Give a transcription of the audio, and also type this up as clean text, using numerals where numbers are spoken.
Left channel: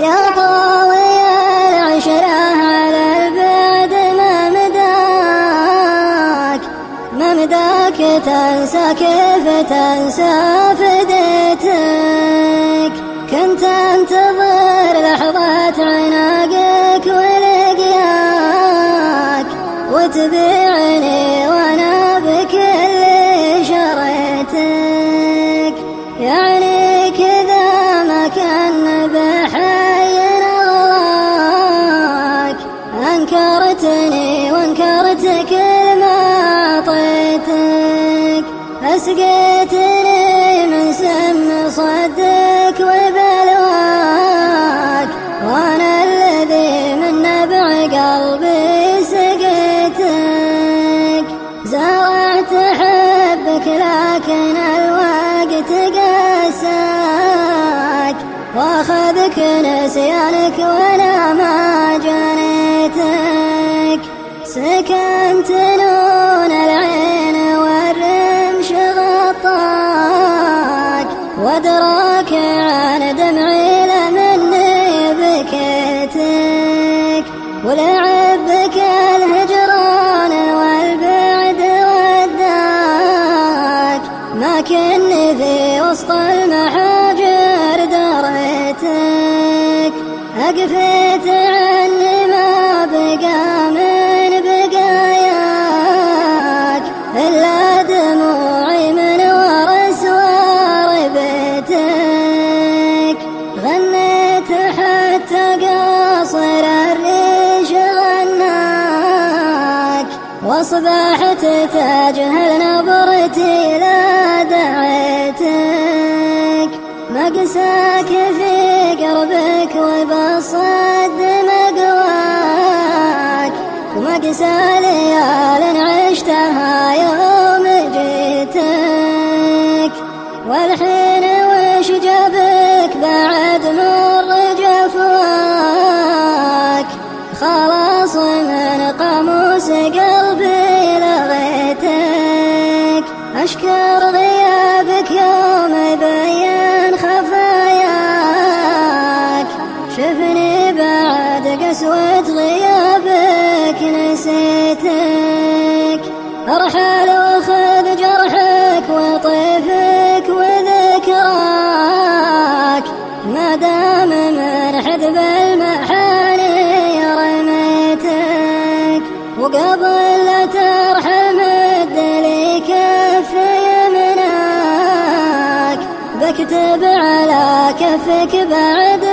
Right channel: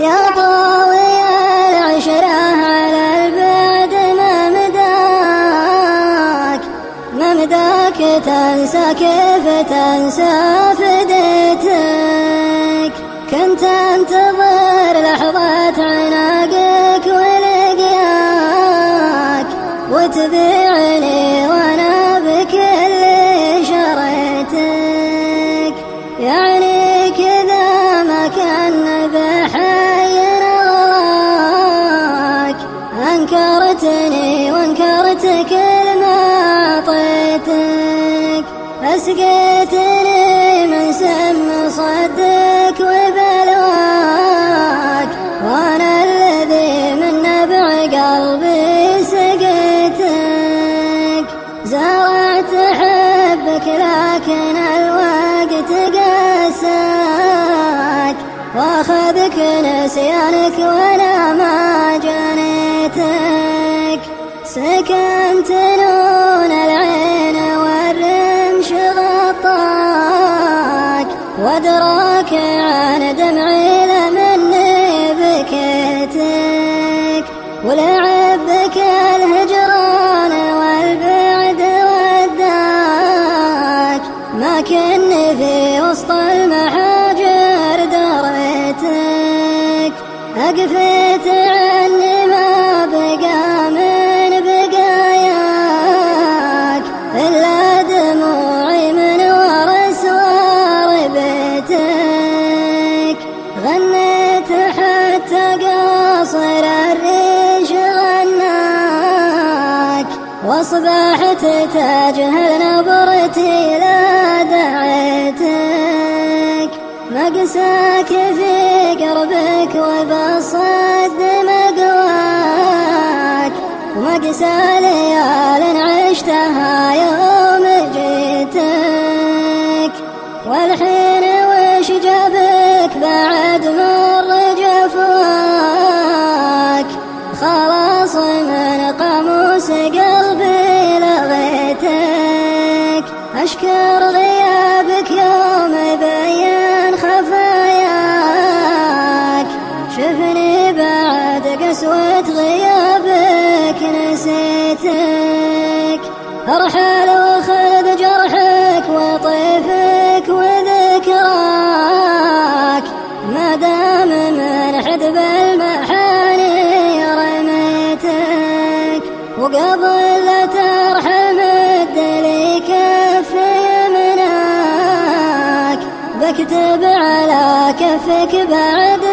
يا طويل العشرة على البعد ما مداك تنسى كيف تنسى فديتك. كنت انتظر لحظة عناقك ولقياك وتبيعني وانا بكل شريتك. يعني كذا ما كان بحير الله انكرتني وانكرت كل ما اعطيتك. اسقيتني من سم صدك وبلواك وانا الذي من نبع قلبي سقيتك. زرعت حبك لكن الوقت قاساك واخذك نسيانك وانا ما جريتك. سكنت لون العين والرمش غطاك وادراك عن دمعي لمني بكيتك. ولعبك الهجران والبعد وداك لكن في وسط المحاجر دريتك. أقفت عني ما بقى من بقاياك إلا دموعي من ورسوار بيتك. غنيت حتى قاصر الريش غناك واصبحت تجهل نبرتي لا دعيتك. مقساك في قلبك وبصد مقواك مقسى ليال عشتها يوم جيتك. والحين وش جابك بعد مر جفاك خلاص من قاموس قلبي لغيتك. أشكر غيابك يوم بين خفاياك شفني بعد قسوة غيابك نسيتك. أرحل وخذ جرحك وطيفك وذكراك ما دام من حدب المحاني رميتك. وقبل لا ترحل مد لي كفي مناك بكتب على كفك بعد